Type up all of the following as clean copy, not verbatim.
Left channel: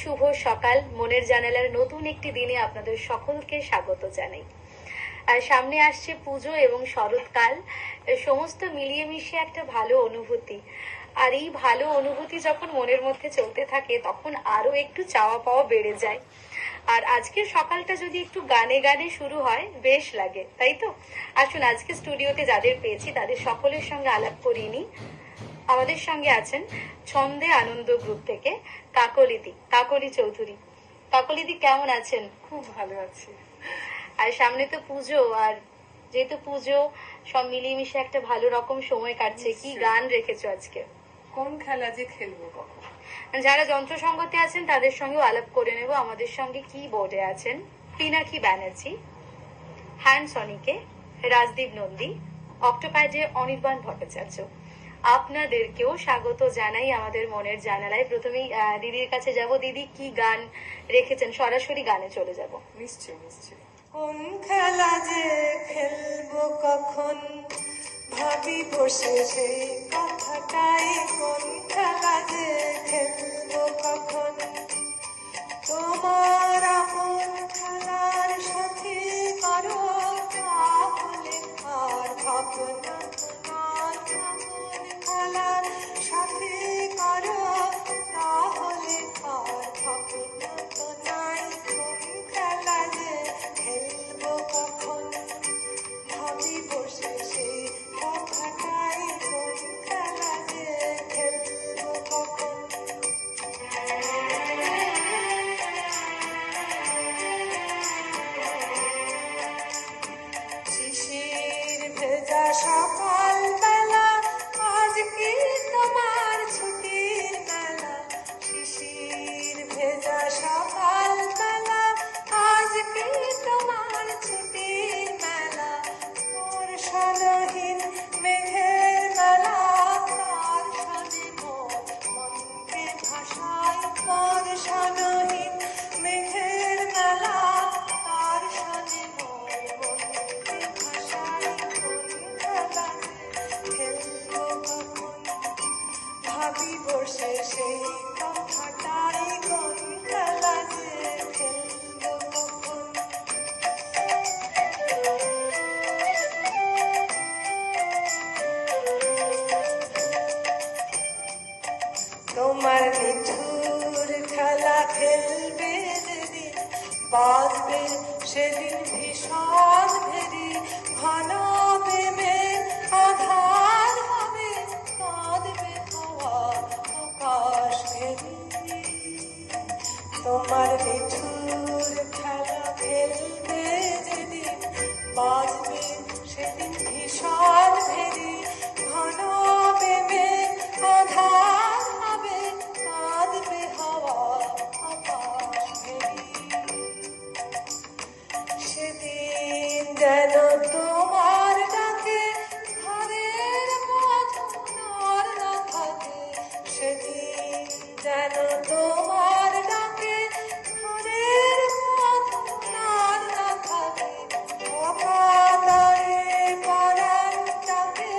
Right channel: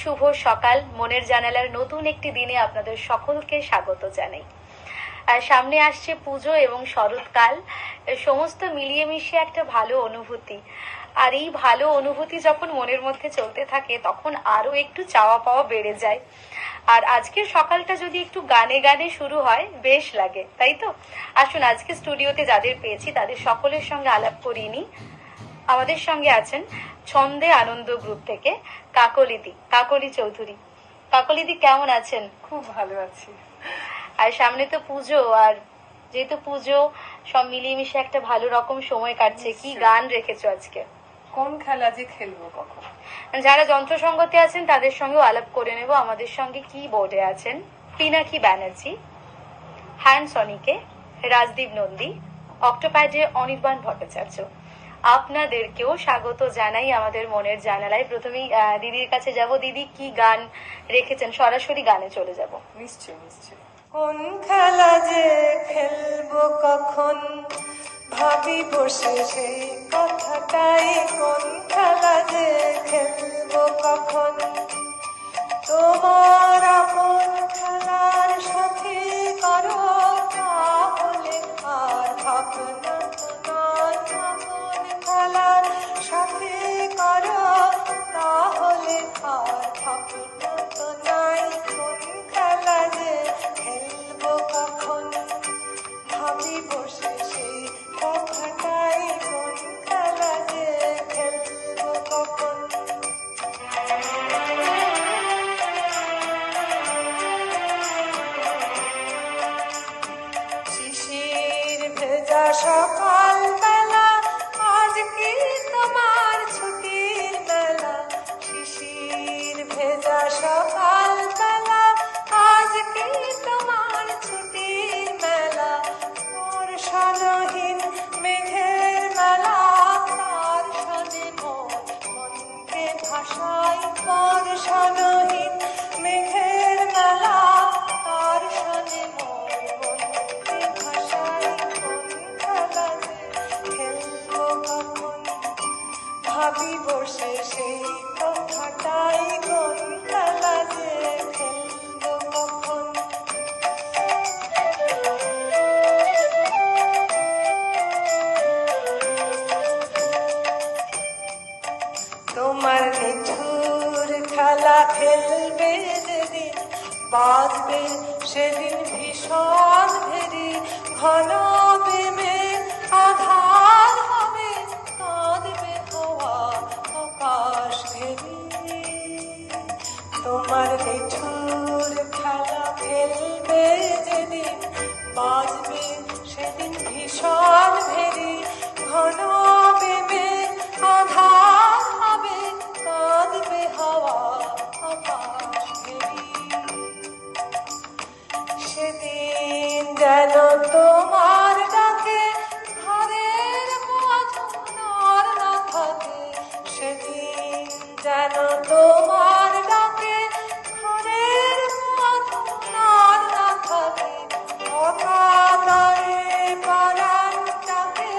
শুভ সকাল। মনের জানালার নতুন একটি দিনে আপনাদের সকলকে স্বাগত জানাই। আর সামনে আসছে পুজো এবং শরৎকাল, সমস্ত মিলিয়ে মিশিয়ে একটা ভালো অনুভূতি। আর এই ভালো অনুভূতি যখন মনের মধ্যে চলতে থাকে তখন আরো একটু চাওয়া পাওয়া বেড়ে যায়। আর আজকের সকালটা যদি একটু গানে গানে শুরু হয় বেশ লাগে, তাই তো? আসুন আজকে স্টুডিওতে যাদের পেয়েছি তাদের সকলের সঙ্গে আলাপ করিয়ে নিই। আমাদের সঙ্গে আছেন ছন্দে আনন্দ গ্রুপ থেকে কাকলি চৌধুরী। কাকলিদি কেমন আছেন? খুব ভালো আছি। আর সামনে তো পুজো, আর যেহেতু পুজো সব মিলিয়ে মিশে একটা ভালো রকম সময় কাটছে। কি গান রেখেছো আজকে? কোন খেলা যে খেলবো কখন। যারা যন্ত্র সঙ্গতে আছেন তাদের সঙ্গেও আলাপ করে নেব। আমাদের সঙ্গে কি বোর্ডে আছেন পিনাকি ব্যানার্জি, হ্যান্ড সনিকে রাজদীপ নন্দী, অক্টোপ্যাডে অনির্বাণ ভট্টাচার্য। আপনাদেরকেও স্বাগত জানাই আমাদের মনের জানালায়। প্রথমেই দিদির কাছে যাব। দিদি, কি গান রেখেছেন? সরাসরি গানে চলে যাব। নিশ্চয়ই নিশ্চয়ই। কোন খেলা যে খেলবো কখন, ভাবি বসে সেই কথাটাই। কোন খেলা যে খেলবো কখন, তোমার আপন খেলার সাথে করো, তাহলে আর ভাবনা নয়। আপন খেলার সাথে করো, তাহলে আর ভাবনা তো নাই। কোন খেলা যে খেলবো কখন, ভাবি বসে সেই কথাটাই। কোন খেলা যে খেলবো কখন। শিশির ভেজা সকাল বেলা, আজ কি তোমার ছুটির মেলা। শিশির ভেজা সকাল বেলা, আজ কি তোমার ছুটির মেলা। বর্ষণহীন মেঘের মেলা, তার সাথে মনকে ভাসায়। বর্ষণহীন মেঘের মেলা, তার সাথে মনকে ভাসায়। কোন খেলা যে খেলবো কখন, ভাবি বসে সেই কথাটাই। কোন খেলা যে খেলবো কখন। তোমার নিঠুর খেলা খেলবে যেদিন, বাজবে সেদিন ভীষণ ভেরি। ঘন প্রেমের আধার হবে, কাঁদবে হাওয়া আকাশ ঘেরি। তোমার নিঠুর খেলা খেলবে যেদিন, বাজবে সেদিন ভীষণ ভেরি। ঘন প্রেমের আধার হবে, কাঁদবে হাওয়া আকাশ ঘেরি। সেদিন যেন তোমার ডাকে ঘরের বাঁধন না থাকে। সেদিন যেন তোমার ডাকে ঘরের বাঁধন না থাকে। অকাতরে পরাণটাকে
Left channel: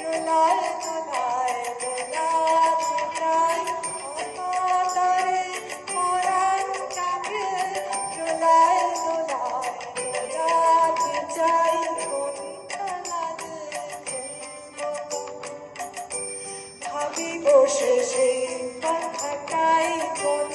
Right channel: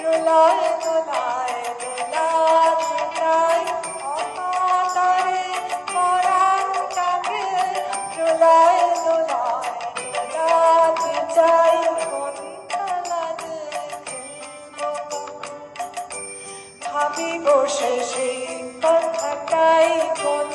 দোলায় দোলায় দোলাতে চাই। অকাতরে পরাণটাকে দোলায় দোলায় দোলাতে চাই। কোন খেলা যে খেলবো কখন, ভাবি বসে সেই কথাটাই। কোন